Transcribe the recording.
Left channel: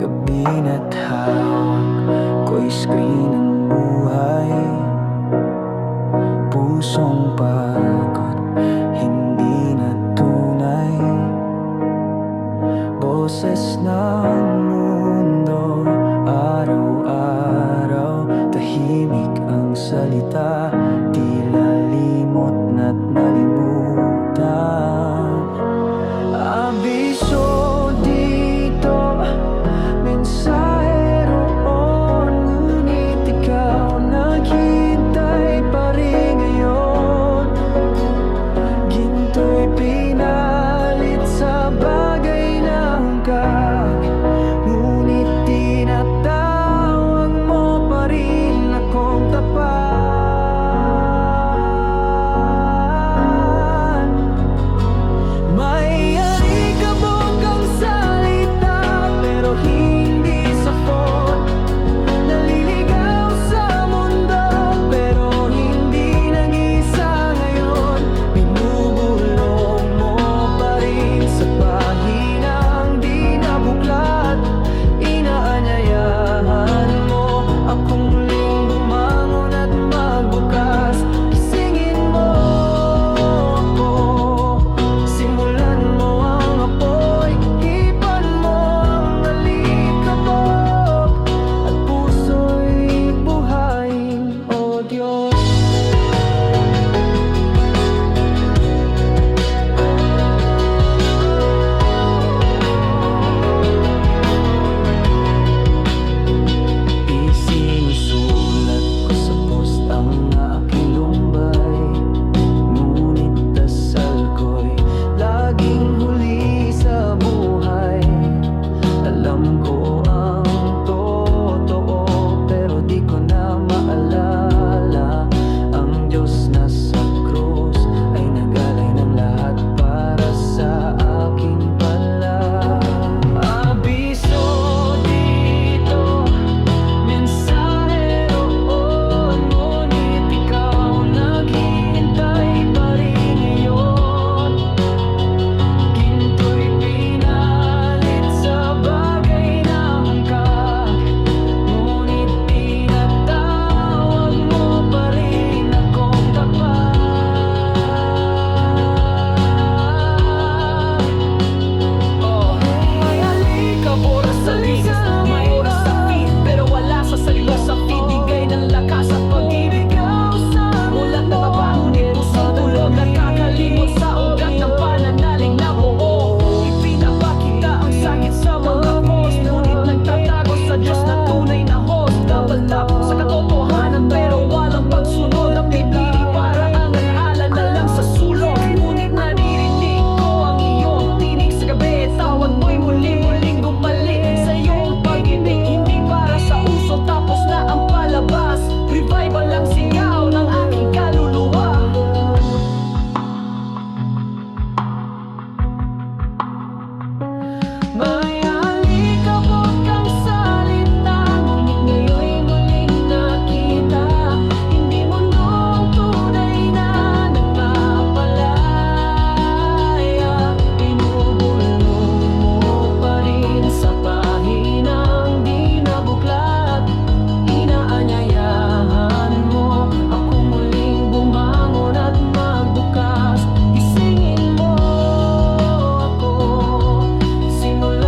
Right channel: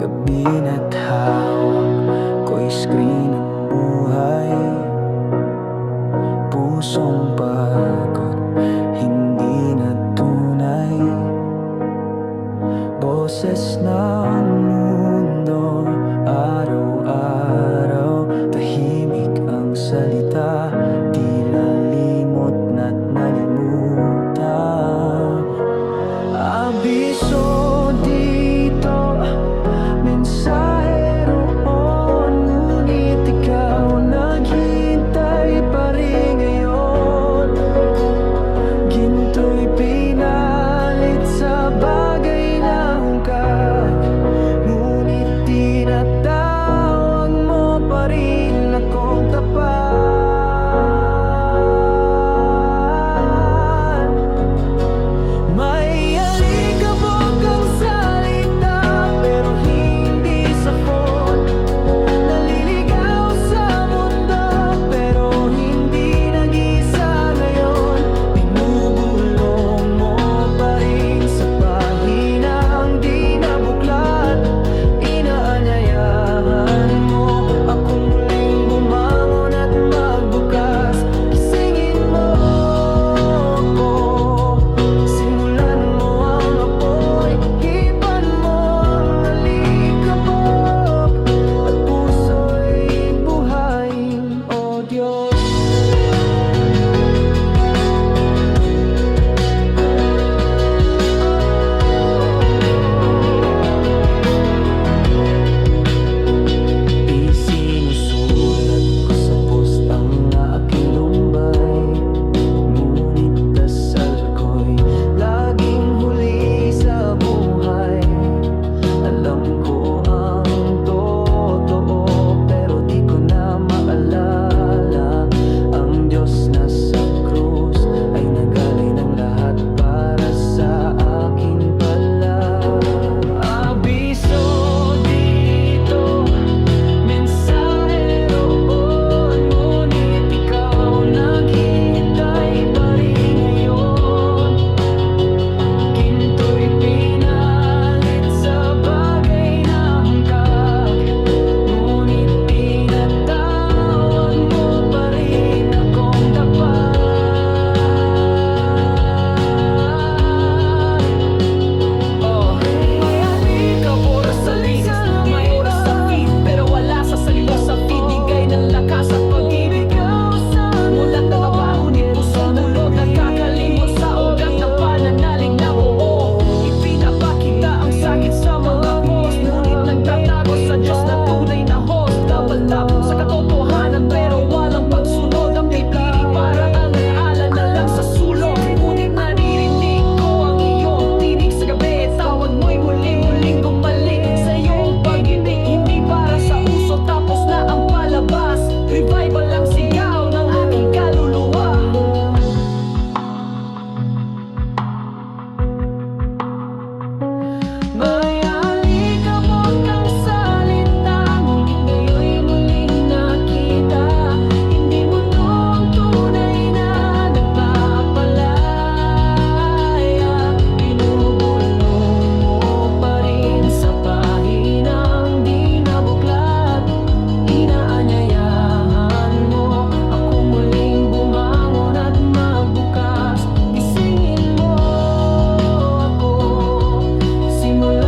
Gabi na't hawak ko'y screen ng buhay. Pusong pagod, hindi na tunay. Boses ng mundo, araw-araw Tahimik ang salita, tila limot na't nalimutan. Abiso dito mensahe roon Ngunit ikaw naghintay pa rin ngayon. Ginto'y pinalit sa bagay na hungkak Ngunit tinatawag mo pa rin akong tapat. sa pahinang di nabuklat Inaanyayahan Sinusulat ko sa post ang aking lumbay. Ngunit dasal si no